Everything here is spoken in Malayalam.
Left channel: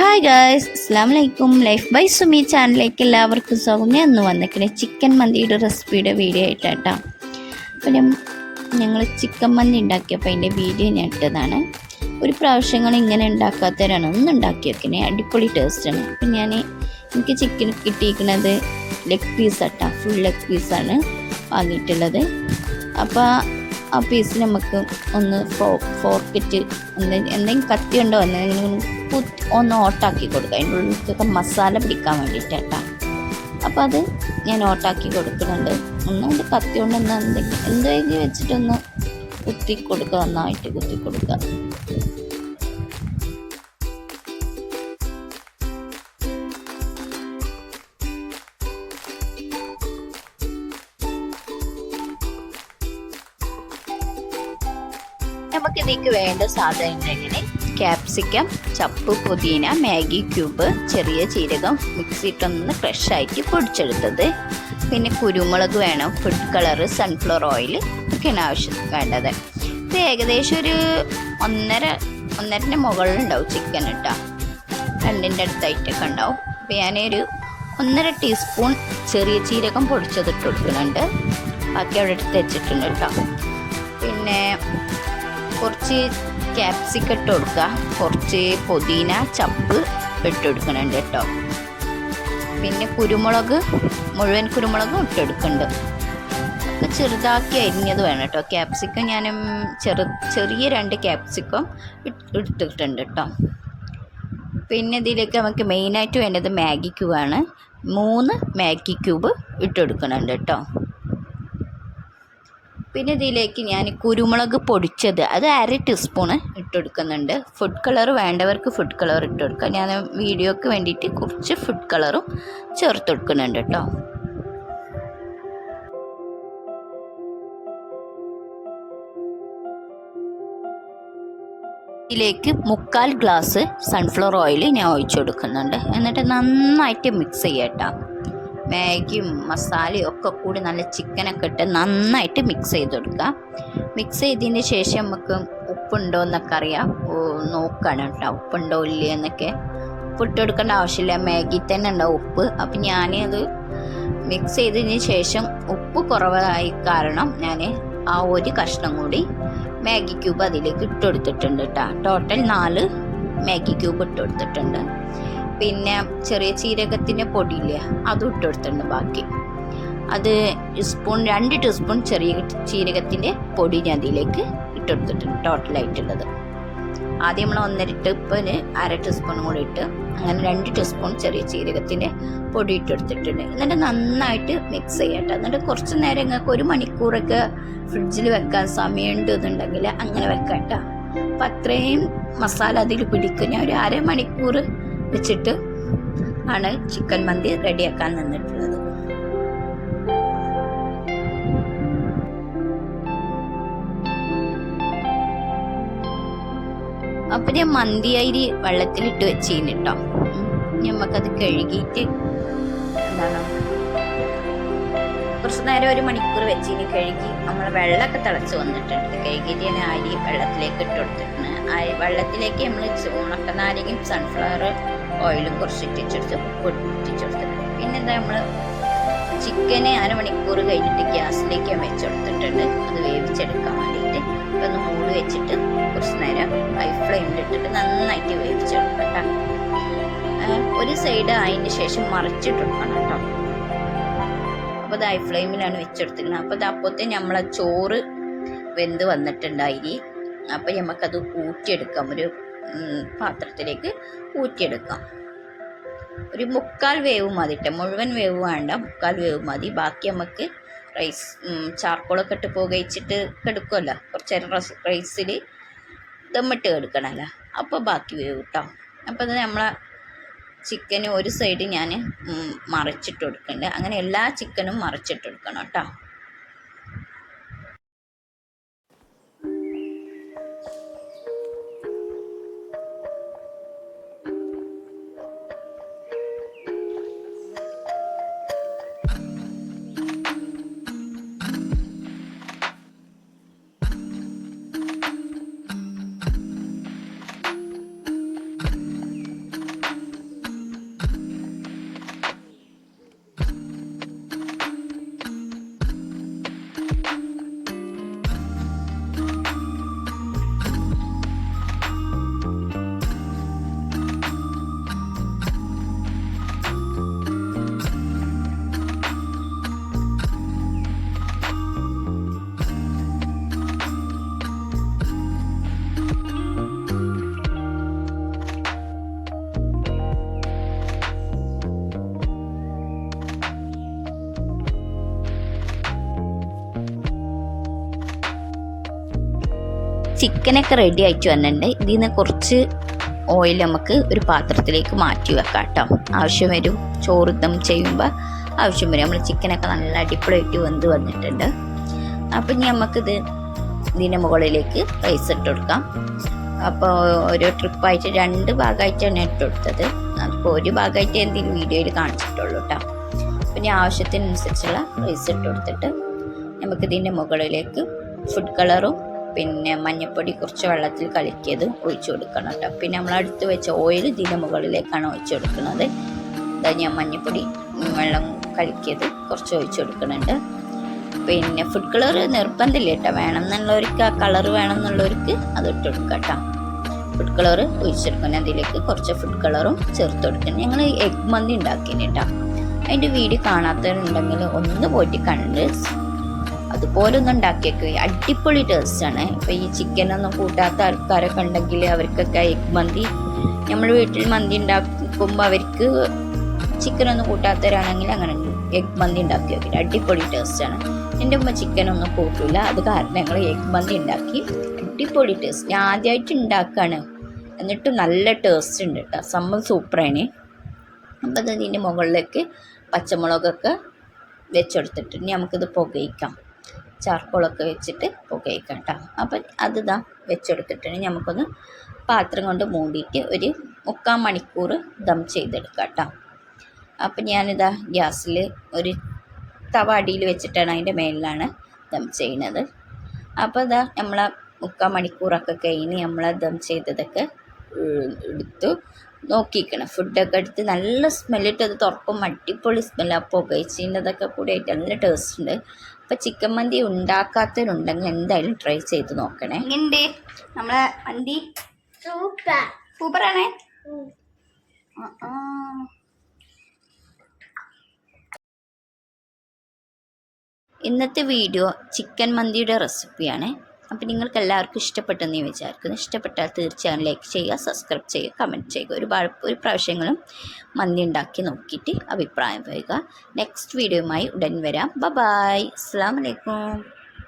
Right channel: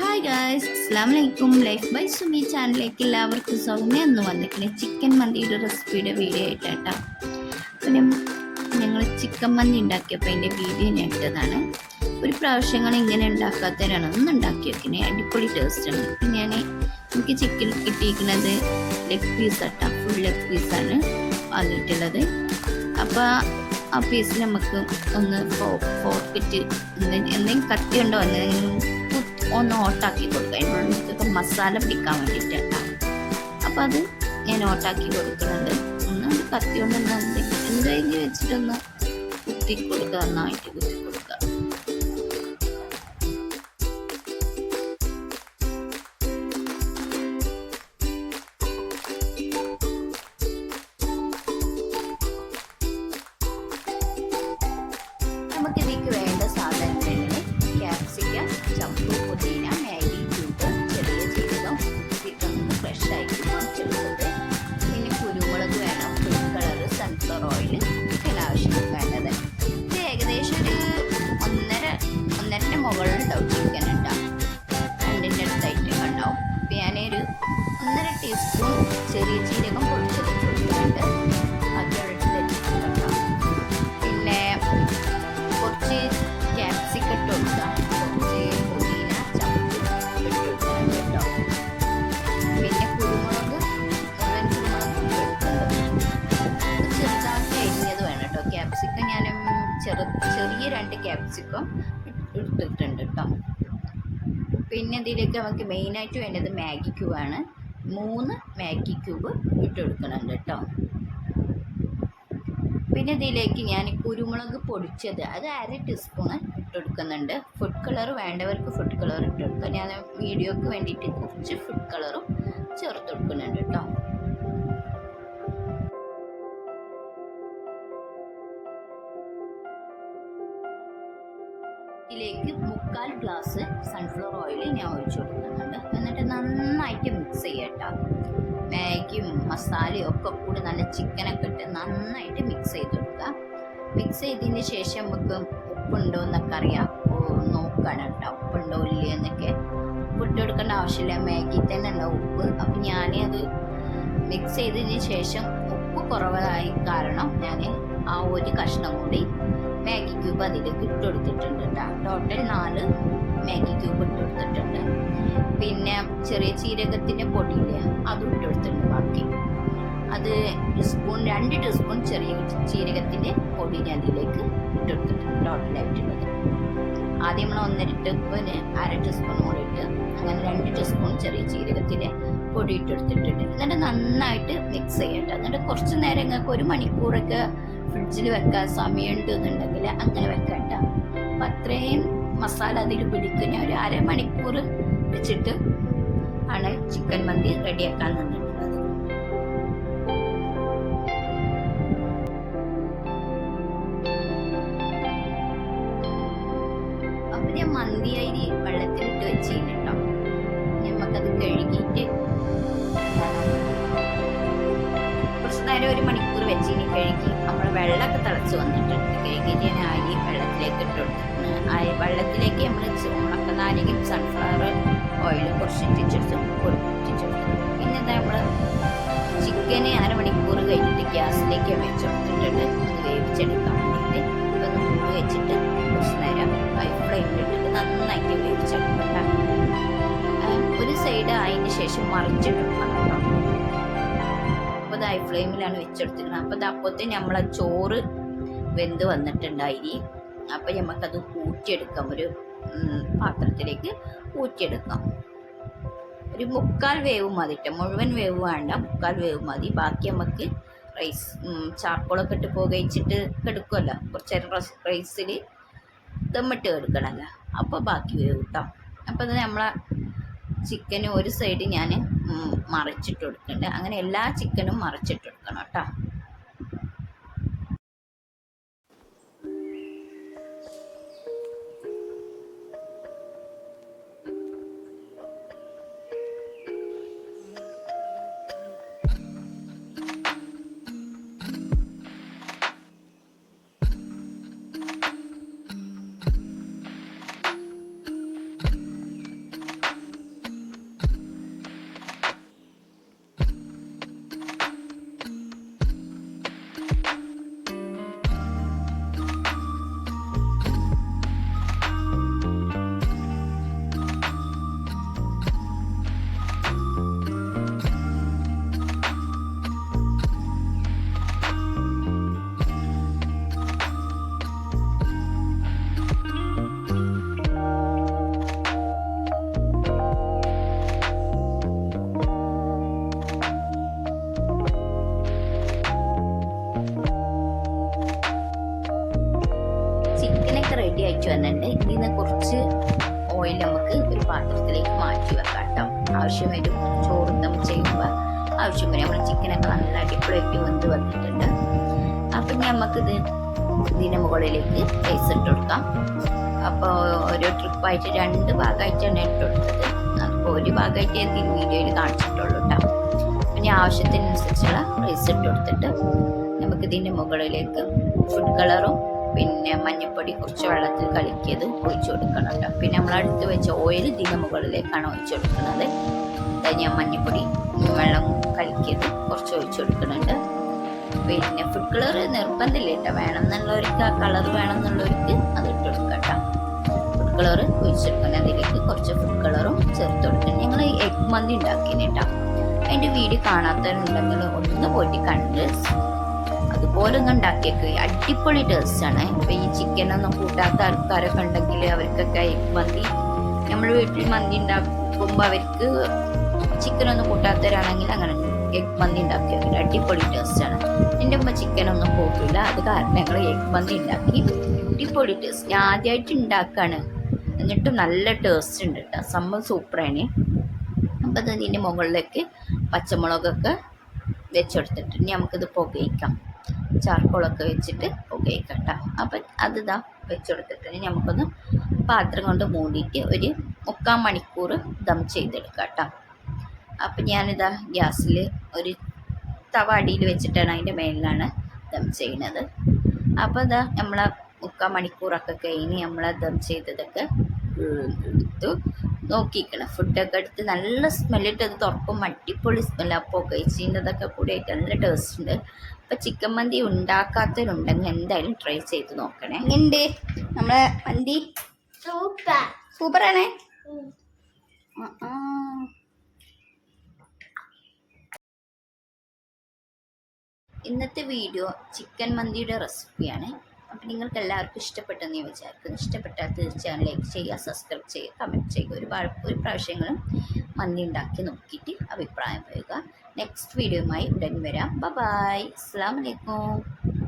ഹായ് ഗായ്സ് അസ്സാം വലൈക്കും ലൈഫ് ബൈ സുമി ചാനലിലേക്ക് എല്ലാവർക്കും സൗമ്യ എന്ന് വന്നിക്കണേ ചിക്കൻ മന്തിയുടെ റെസിപ്പിയുടെ വീഡിയോ ആയിട്ടാട്ടോ. അപ്പം ഞങ്ങൾ ചിക്കൻ മന്തി ഉണ്ടാക്കിയപ്പോൾ അതിന്റെ വീഡിയോ ഞാൻ ഇട്ടതാണ്. ഒരു പ്രാവശ്യങ്ങൾ ഇങ്ങനെ ഉണ്ടാക്കാത്തവരാണ്. ഒന്ന് ഉണ്ടാക്കി വെക്കണേ അടിപൊളി ടേസ്റ്റാണ് അപ്പം ഞാൻ എനിക്ക് ചിക്കൻ കിട്ടിയിരിക്കുന്നത് ലെഗ് പീസ് ആട്ടോ. ഫുൾ ലെഗ് പീസാണ് വാങ്ങിയിട്ടുള്ളത്. അപ്പോൾ ആ പീസ് നമുക്ക് ഒന്ന് ഫോർക്കിറ്റ് എന്തെങ്കിലും എന്തെങ്കിലും കത്തി കൊണ്ടോ എന്തെങ്കിലും ഒന്ന് ഓട്ടാക്കി കൊടുക്കുക. അതിന്റെ ഉള്ളിലേക്കൊക്കെ മസാല പിടിക്കാൻ വേണ്ടിയിട്ടാണ് അപ്പോൾ അത് ഞാൻ ഓട്ടാക്കി കൊടുക്കുന്നുണ്ട്. ഒന്ന് അത് കത്തി കൊണ്ട് ഒന്ന് എന്തെങ്കിലും വെച്ചിട്ടൊന്ന് കുത്തി കൊടുക്കുക. നന്നായിട്ട് കുത്തി കൊടുക്കുക. നമുക്കിതേക്ക് വേണ്ട സാധനങ്ങൾ ക്യാപ്സിക്കം ചപ്പ് പുതിന മാഗി ക്യൂബ് ചെറിയ ജീരകം മിക്സിയിട്ടൊന്ന് ഫ്രഷായിട്ട് പൊടിച്ചെടുത്തത്. പിന്നെ കുരുമുളക് വേണം ഫുഡ് കളർ സൺഫ്ലവർ ഓയിൽ ഒക്കെയാണ് ആവശ്യം വേണ്ടത്. ഇത് ഏകദേശം ഒരു ഒന്നര ഒന്നരന്റെ മുകളിലുണ്ടാവും ചിക്കൻ ഉണ്ടാവും രണ്ടിന്റെ അടുത്തായിട്ടൊക്കെ ഉണ്ടാവും. അപ്പോൾ ഞാനൊരു ഒന്നര ടീസ്പൂൺ ചെറിയ ജീരകം പൊടിച്ചതിട്ട് കൊടുക്കുന്നുണ്ട്. ബാക്കി അവിടെ എടുത്ത് വെച്ചിട്ടുണ്ട് കേട്ടോ. പിന്നെ കുറച്ച് ക്യാപ്സിക്കം ഇട്ട് കൊടുക്കുക. കുറച്ച് പുതിന ചപ്പ് ഇട്ട് കൊടുക്കുന്നുണ്ട് കേട്ടോ. പിന്നെ കുരുമുളക് മുഴുവൻ കുരുമുളകും ഇട്ടെടുക്കുന്നുണ്ട് ചെറുതാക്കി അരിഞ്ഞത് വേണം കേട്ടോ. ക്യാപ്സിക്കം ഞാൻ ചെറു ചെറിയ രണ്ട് ക്യാപ്സിക്കം ഇട്ടിട്ടുണ്ട് കേട്ടോ. പിന്നെ ഇതിലേക്ക് നമുക്ക് മെയിനായിട്ട് വേണ്ടത് മാഗി ക്യൂബാണ് മൂന്ന് മാഗി ക്യൂബ് ഇട്ട് കൊടുക്കുന്നുണ്ട് കേട്ടോ. പിന്നെ ഇതിലേക്ക് ഞാൻ കുരുമുളക് പൊടിച്ചത് അത് അര ടീസ്പൂണ് ഇട്ട് കൊടുക്കുന്നുണ്ട് ഫുഡ് കളർ വേണ്ടവർക്ക് ഫുഡ് കളർ ഇട്ട് കൊടുക്കാം ഞാൻ വീഡിയോക്ക് വേണ്ടിയിട്ട് കുറച്ച് ഫുഡ് കളറും ചേർത്ത് കൊടുക്കുന്നുണ്ട് കേട്ടോ. ഇതിലേക്ക് മുക്കാൽ ഗ്ലാസ് സൺഫ്ലവർ ഓയിൽ ഞാൻ ഒഴിച്ചു കൊടുക്കുന്നുണ്ട് എന്നിട്ട് നന്നായിട്ട് മിക്സ് ചെയ്യട്ടോ മാഗിയും മസാലയും ഒക്കെ കൂടി നല്ല ചിക്കനൊക്കെ ഇട്ട് നന്നായിട്ട് മിക്സ് ചെയ്ത് കൊടുക്കുക മിക്സ് ചെയ്തതിന് ശേഷം നമുക്ക് ഉപ്പുണ്ടോ എന്നൊക്കെ അറിയാം. നോക്കുകയാണ് കേട്ടോ. ഉപ്പുണ്ടോ ഇല്ല എന്നൊക്കെ. ഉപ്പിട്ട് കൊടുക്കേണ്ട ആവശ്യമില്ല. മാഗി തന്നെ ഉണ്ടാവും ഉപ്പ്. അപ്പം ഞാനത് മിക്സ് ചെയ്തതിന് ശേഷം ഉപ്പ് കുറവായി കാരണം ഞാൻ ആ ഒരു കഷ്ണം കൂടി മാഗി ക്യൂബ് അതിലേക്ക് ഇട്ട് കൊടുത്തിട്ടുണ്ട് കേട്ടോ. ടോട്ടൽ നാല് മാഗി ക്യൂബ് ഇട്ട് കൊടുത്തിട്ടുണ്ട്. പിന്നെ ചെറിയ ചീരകത്തിന്റെ പൊടിയില്ലേ അതും ഇട്ട് കൊടുത്തിട്ടുണ്ട് ബാക്കി. അത് സ്പൂൺ രണ്ട് ടീസ്പൂൺ ചെറിയ ചീരകത്തിന്റെ പൊടി ഞാൻ അതിലേക്ക് ഇട്ട് കൊടുത്തിട്ടുണ്ട് ടോട്ടലായിട്ടുള്ളത്. ആദ്യം നമ്മൾ ഒന്നര ടീസ്പൂന് അര ടീസ്പൂണും കൂടി ഇട്ട് അങ്ങനെ രണ്ട് ടീസ്പൂൺ ചെറിയ ചീരകത്തിന്റെ പൊടി ഇട്ട് കൊടുത്തിട്ടുണ്ട്. എന്നിട്ട് നന്നായിട്ട് മിക്സ് ചെയ്യട്ടെ എന്നിട്ട് കുറച്ച് നേരം നിങ്ങൾക്ക് ഒരു മണിക്കൂറൊക്കെ ഫ്രിഡ്ജിൽ വെക്കാൻ സമയമുണ്ട് എന്നുണ്ടെങ്കിൽ അങ്ങനെ വെക്കാം കേട്ടോ. അപ്പം അത്രയും മസാല അതിൽ പിടിക്കും ഞാൻ ഒരു അരമണിക്കൂർ വെച്ചിട്ട് ആണ് ചിക്കൻ മന്തി റെഡിയാക്കാൻ നിന്നിട്ടുള്ളത്. അപ്പം ഞാൻ മന്തി അരി വെള്ളത്തിലിട്ട് വെച്ചിരുന്നു കേട്ടോ നമുക്കത് കഴുകിയിട്ട് കുറച്ച് നേരം ഒരു മണിക്കൂർ വെച്ച് ഇനി കഴുകി നമ്മൾ വെള്ളമൊക്കെ തിളച്ച് വന്നിട്ടുണ്ട്. കഴുകിയിട്ട് ഞാൻ അരി വെള്ളത്തിലേക്ക് ഇട്ട് കൊടുത്തിട്ടുണ്ട്. അരി വെള്ളത്തിലേക്ക് നമ്മൾ ഉണക്ക നാരങ്ങയും സൺഫ്ലവർ ഓയിലും കുറച്ച് ഇട്ടിച്ചെടുത്ത് പൊട്ടിച്ചെടുത്തിട്ടുണ്ട് പിന്നെ എന്താ നമ്മൾ ചിക്കന് അരമണിക്കൂർ കഴിഞ്ഞിട്ട് ഗ്യാസിലേക്ക് വെച്ച് കൊടുത്തിട്ടുണ്ട്. അത് വേവിച്ചെടുക്കാൻ വേണ്ടിയിട്ട്. ഇപ്പം ഒന്ന് മൂടി വെച്ചിട്ട് കുറച്ച് നേരം ഹൈ ഫ്ലെയിമിലിട്ടിട്ട് നന്നായിട്ട് വേവിച്ചെടുക്കട്ടെ ഒരു സൈഡ് അതിന് ശേഷം മറിച്ചിട്ടെടുക്കണം കേട്ടോ. അപ്പോൾ ഹൈ ഫ്ലെയിമിലാണ് വെച്ചെടുത്തിരുന്നത് അപ്പോൾ അത് അപ്പോഴത്തെ നമ്മളെ ചോറ് വെന്ത് വന്നിട്ടുണ്ട് അരി അപ്പോൾ നമുക്കത് ഊറ്റിയെടുക്കാം. ഒരു പാത്രത്തിലേക്ക് ഊറ്റിയെടുക്കാം. ഒരു മുക്കാൽ വേവ് മതി കേട്ടോ മുഴുവൻ വേവ് വേണ്ട. മുക്കാൽ വേവ് മതി. ബാക്കി നമുക്ക് റൈസ് ചാർക്കോളൊക്കെ ഇട്ട് പുകയിച്ചിട്ട് കെടുക്കുമല്ലോ കുറച്ച് നേരം റൈസിൽ ദമ്മിട്ട് കെടുക്കണമല്ലോ അപ്പോൾ ബാക്കി വേവ് കേട്ടോ അപ്പോൾ അത് നമ്മളെ ചിക്കന് ഒരു സൈഡ് ഞാൻ മറിച്ചിട്ട് കൊടുക്കുന്നുണ്ട് അങ്ങനെ എല്ലാ ചിക്കനും മറിച്ചിട്ട് കൊടുക്കണം കേട്ടോ. ചിക്കനൊക്കെ റെഡി ആയിട്ട് വന്നിട്ടുണ്ട്. ഇതിൽ നിന്ന് കുറച്ച് ഓയിൽ നമുക്ക് ഒരു പാത്രത്തിലേക്ക് മാറ്റി വെക്കാം കേട്ടോ. ആവശ്യം വരും. ചോറ് ദം ചെയ്യുമ്പോൾ ആവശ്യം വരും. നമ്മൾ ചിക്കനൊക്കെ നല്ല അടിപൊളിയായിട്ട് വെന്ത് വന്നിട്ടുണ്ട്. അപ്പം ഇനി നമുക്കിത് ഇതിന്റെ മുകളിലേക്ക് റൈസ് ഇട്ട് കൊടുക്കാം. അപ്പോൾ ഒരു ട്രിപ്പായിട്ട് രണ്ട് ഭാഗമായിട്ടാണ് ഇട്ട് കൊടുത്തത്. അപ്പോൾ ഒരു ഭാഗമായിട്ട് എന്തെങ്കിലും വീഡിയോയിൽ കാണിച്ചിട്ടുള്ളൂ കേട്ടോ. അപ്പം ഞാൻ ആവശ്യത്തിനനുസരിച്ചുള്ള റൈസ് ഇട്ട് കൊടുത്തിട്ട് നമുക്കിതിന്റെ മുകളിലേക്ക് ഫുഡ് കളറും പിന്നെ മഞ്ഞൾപ്പൊടി കുറച്ച് വെള്ളത്തിൽ കലക്കിയത് ഒഴിച്ചു കൊടുക്കണം കേട്ടോ പിന്നെ നമ്മൾ അടുത്ത് വെച്ച ഓയിൽ ഇതിന്റെ മുകളിലേക്കാണ് ഒഴിച്ചു കൊടുക്കുന്നത്. ധനിയ ഞാൻ മഞ്ഞൾപ്പൊടി വെള്ളം കലക്കിയത് കുറച്ച് ഒഴിച്ചു കൊടുക്കുന്നുണ്ട്. പിന്നെ ഫുഡ് കളർ നിർബന്ധമില്ല കേട്ടോ വേണം എന്നുള്ളവർക്ക് ആ കളർ വേണം എന്നുള്ളവർക്ക് അത് ഇട്ട് കൊടുക്കാം കേട്ടോ ഫുഡ് കളർ ഒഴിച്ചെടുക്കണം അതിലേക്ക് കുറച്ച് ഫുഡ് കളറും ചേർത്ത് കൊടുക്കണം ഞങ്ങൾ എഗ് മന്തി ഉണ്ടാക്കിന് കേട്ടോ അതിന്റെ വീഡിയോ കാണാത്തവരുണ്ടെങ്കിൽ ഒന്ന് പോയിട്ട് കണ്ട് അതുപോലെ ഒന്ന് ഉണ്ടാക്കിയേക്ക്. അടിപൊളി ടേസ്റ്റാണ് ഇപ്പോൾ ഈ ചിക്കൻ ഒന്നും കൂട്ടാത്ത ആൾക്കാരൊക്കെ ഉണ്ടെങ്കിൽ അവർക്കൊക്കെ എഗ് മന്തി നമ്മൾ വീട്ടിൽ മന്തി ഉണ്ടാക്കുമ്പോൾ അവർക്ക് ചിക്കൻ ഒന്നും കൂട്ടാത്തവരാണെങ്കിൽ അങ്ങനെ എഗ് മന്തി ഉണ്ടാക്കി വെക്കില്ല അടിപൊളി ആണ്. എന്റെ ഉമ്മ ചിക്കൻ ഒന്നും കൂട്ടില്ല അത് കാരണം ഞങ്ങൾ എഗ് മന്തി ഉണ്ടാക്കി. അടിപൊളി ടേസ്റ്റ് ഞാൻ ആദ്യമായിട്ട് ഉണ്ടാക്കുകയാണ് എന്നിട്ട് നല്ല ടേസ്റ്റ് ഉണ്ട് കേട്ടോ സംഭവം സൂപ്പറാണ് അപ്പം ഇതിന്റെ മുകളിലേക്ക് പച്ചമുളകൊക്കെ വെച്ചെടുത്തിട്ട് ഇനി നമുക്കിത് പുകയിക്കാം. ചാർക്കോളൊക്കെ വെച്ചിട്ട് പുകയിക്കട്ട. കേട്ടോ അപ്പം അത് ഇതാ വെച്ചെടുത്തിട്ടുണ്ട് നമുക്കൊന്ന് പാത്രം കൊണ്ട് മൂടിയിട്ട് ഒരു മുക്കാൽ മണിക്കൂർ ദം ചെയ്തെടുക്കാം കേട്ടോ അപ്പം ഞാനിതാ ഗ്യാസിൽ ഒരു തവ അടിയിൽ വെച്ചിട്ടാണ് അതിന്റെ മേലിലാണ് ദം ചെയ്യുന്നത്. അപ്പോൾ ഇതാ നമ്മളെ മുക്കാൽ മണിക്കൂറൊക്കെ കഴിഞ്ഞ് നമ്മളെ ദം ചെയ്തതൊക്കെ എടുത്തു നോക്കിക്കണം. ഫുഡൊക്കെ എടുത്ത് നല്ല സ്മെല്ലിട്ട് അത് തുറക്കും അടിപൊളി സ്മെല്ലാണ് ആ പുകയിച്ചിന്റെതൊക്കെ കൂടി ആയിട്ട് നല്ല ടേസ്റ്റ് ഉണ്ട്. അപ്പോൾ ചിക്കൻ മന്തി ഉണ്ടാക്കാത്തവരുണ്ടെങ്കിൽ എന്തായാലും ട്രൈ ചെയ്ത് നോക്കണേ. എങ്ങനെയുണ്ട്? നമ്മളെ മന്തി? സൂപ്പർ. സൂപ്പറാണേ? ഇന്നത്തെ വീഡിയോ ചിക്കൻ മന്തിയുടെ റെസിപ്പിയാണ് അപ്പോൾ നിങ്ങൾക്ക് എല്ലാവർക്കും ഇഷ്ടപ്പെട്ടെന്ന് ഞാൻ വിചാരിക്കുന്നു. ഇഷ്ടപ്പെട്ടാൽ തീർച്ചയായും ലൈക്ക് ചെയ്യുക സബ്സ്ക്രൈബ് ചെയ്യുക കമന്റ് ചെയ്യുക. ഒരു ഒരു പ്രാവശ്യങ്ങളും മന്തി ഉണ്ടാക്കി നോക്കിയിട്ട് അഭിപ്രായം പറയുക. നെക്സ്റ്റ് വീഡിയോയുമായി ഉടൻ വരാം. ബ ബായ് അസ്സാം വലൈക്കും